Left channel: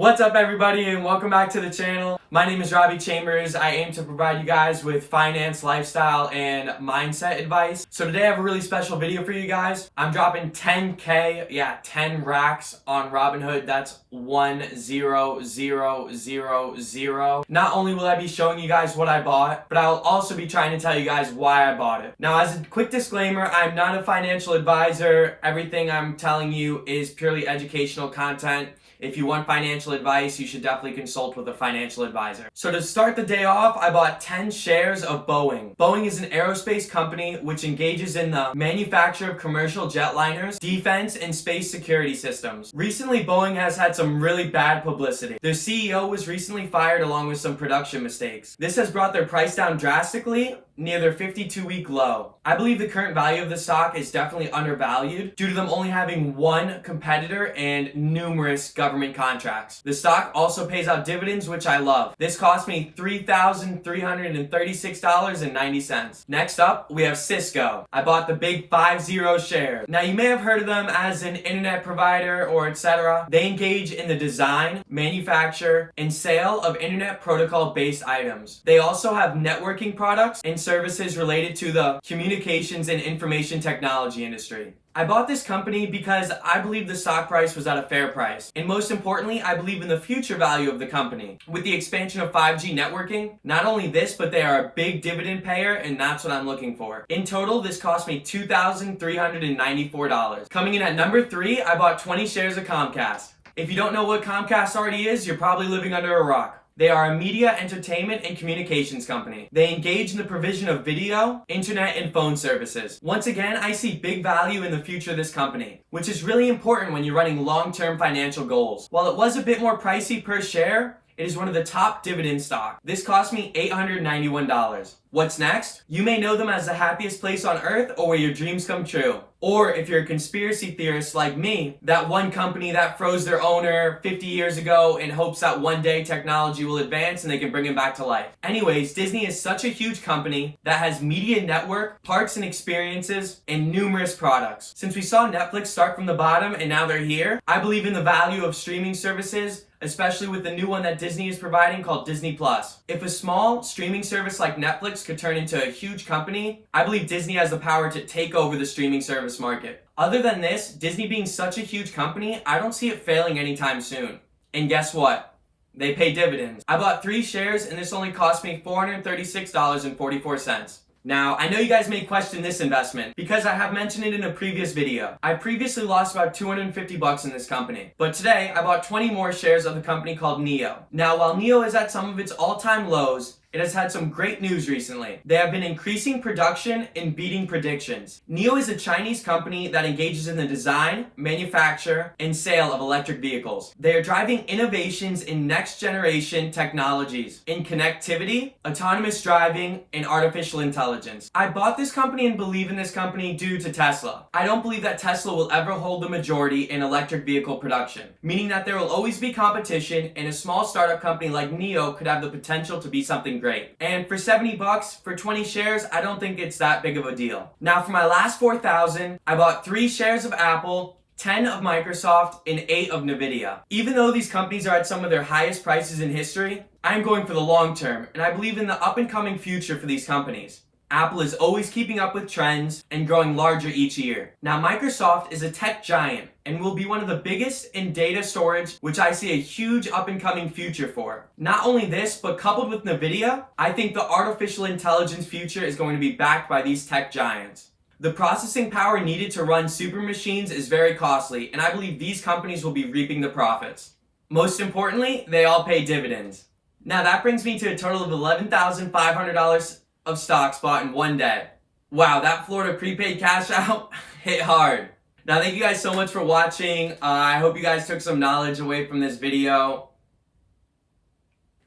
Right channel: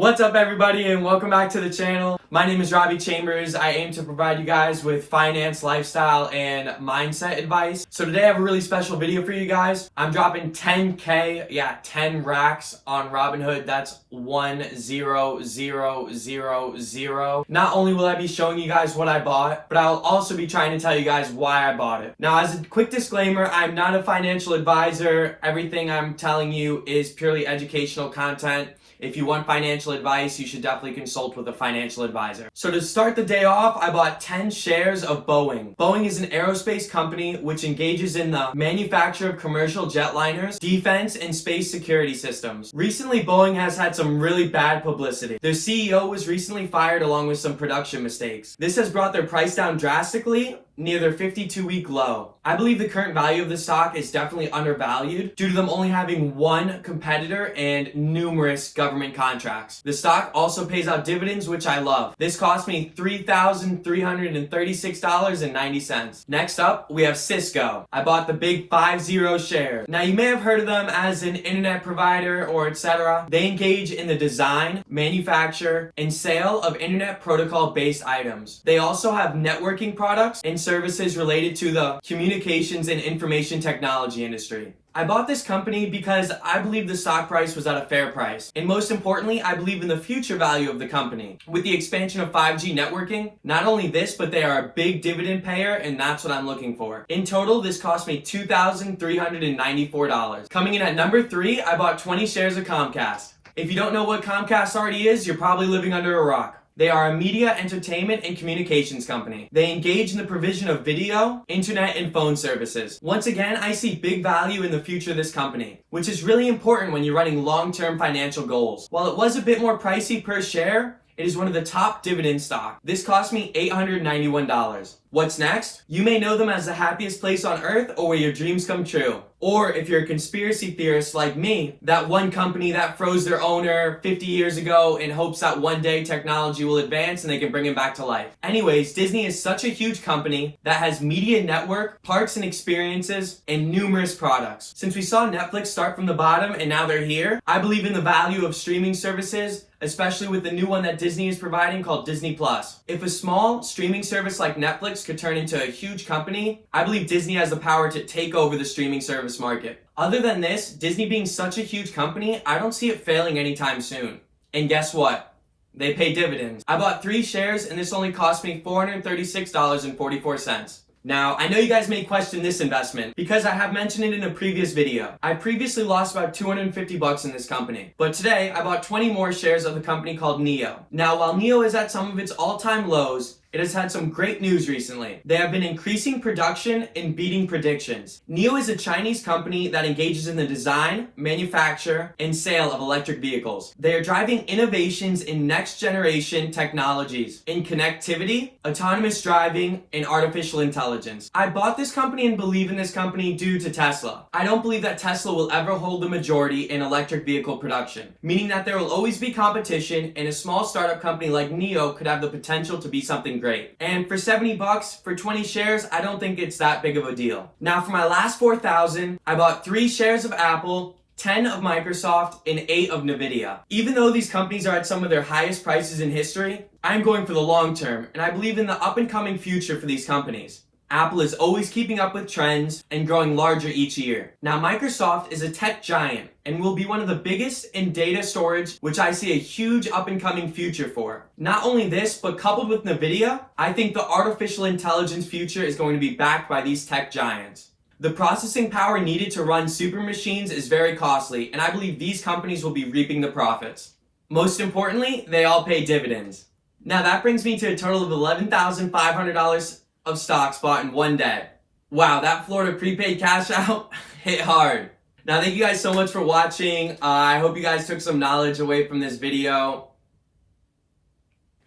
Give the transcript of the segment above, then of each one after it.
What's up everybody and welcome back to the channel. My name is Robbie Chambers. I aim to provide you guys with finance, lifestyle, and mindset advice. So today I have a really special video for you guys. I'm dropping 10K, 10 racks on Robinhood. That's 10000. Not only will I be showing you guys what I bought, but I'll also be trying to tell you guys why I bought it. Now, as a quick disclaimer, I'm not a financial advisor. Everything I'm telling you is purely educational content. If you want financial advice, you should definitely consult with a financial advisor. So to start the day off, I bought 10 shares of Boeing. Boeing is an aerospace company which engages in the manufacture of commercial jetliners, defense, and space security systems. Recently, Boeing has had some really bad publicity. Their CEO was recently fired along with some production mistakes. This has brought their price down drastically, near their 52-week low. I believe the current value of the stock is definitely undervalued due to them only having one competitor and numerous government contracts. The stock also pays out dividends, which I love. This cost me $3,336.90. Next up, we have Cisco. I bought the big 50 shares. Now, you may have heard of them as an internet provider or etc. They engage in the design, manufacture, and sale of internet protocol-based items. They also have networking products and services related to the communications and information technology industry. I bought this company because I believe the stock price was at a fair price. And most importantly, I believe in the future value of the company. With the expansion of 5G networking, not only this, but they are a big dividend payer, and that's what I'm looking for. In total, this cost me $2,394. Coming in at number 3, I bought 20 shares of Comcast. If you don't know what Comcast already is, you're probably living under a rock. They are a media, entertainment, and communications company. They engage in the provision of video, internet, and phone services. Once again, I see big value in the future of this company, which is really important when you're running long-term financial goals. While it was a bit more pricey per share, it is one of the top dividend stock. This cost me $891. What's next? You may know them as the happiest place on earth or where your dreams come true. Or if you're a conspiracy theorist like me, that one company that froze their owner 50 years ago in hopes that one day technology will advance and they can bring him back to life. Anyways, Disney is such a huge company that has media network, parks and experiences, and numerous products. Since we saw Netflix start from the bottom and now they're here, I believe in the value of streaming services, especially with the new one that Disney is providing called Disney+. If a small streaming service like Netflix could turn into a huge company, I believe Disney has the power to take over the streaming service market. Other than this, Disney being such a huge company, I don't see it failing anytime soon. And guess what? They pay dividends. I bought 3 shares and this only cost me $436.44. Now, I know you guys may question this investment because I have mentioned it in a previous video. I previously lost about $250 in this company, but today I bought 20 more shares of the company called NIO. Now, while NIO is at some of its all-time lows, it has had some great news recently. They have been increasing production and beating predictions. NIO is a Chinese company that engages in the design, manufacture, and sale of electric vehicles. They are driving innovations in next-generation technologies in connectivity, autonomous driving, and artificial intelligence. I bought this company and believe in this company due to Tesla. I don't believe that Tesla will ever hold the majority in electric vehicle production, meaning that there will always be competition and a small startup company like NIO could have the potential to be something great. And for $70 for 20 shares, I don't think it's that big of a deal. Now for my last 4,000, I bought 3 shares of Apple, 10 of Microsoft, and 8 of Nvidia. Even though these companies are at some of their highest prices in history, I'm going for the long term, and I believe in the up and coming future for these companies. Apple is always keeping up with trends and growing larger each year. Now, Microsoft is a tech giant and will be one of the biggest in data storage, which I see a huge up-and-coming future for. Not only this, but coupled with Nvidia, I think the artificial intelligence future is going to be backed by these tech giants. The processing power needed to run super machines is very costly, and I believe these companies will be reaping the profits. Most importantly, they all pay dividends. Now, that brings me to a total of $11,500 of stocks bought in one day. Wow, that Florida prepaid cash out hit hard. Now, thank you guys so much for watching. I hope you guys took some knowledge away from this video.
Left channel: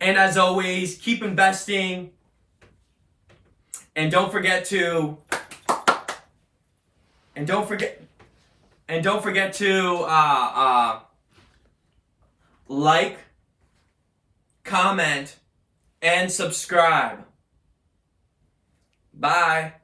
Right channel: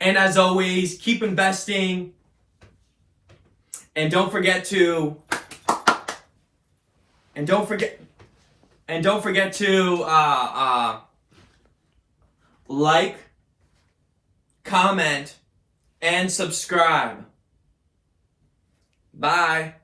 And as always, keep investing. And don't forget to like, comment, and subscribe. Bye.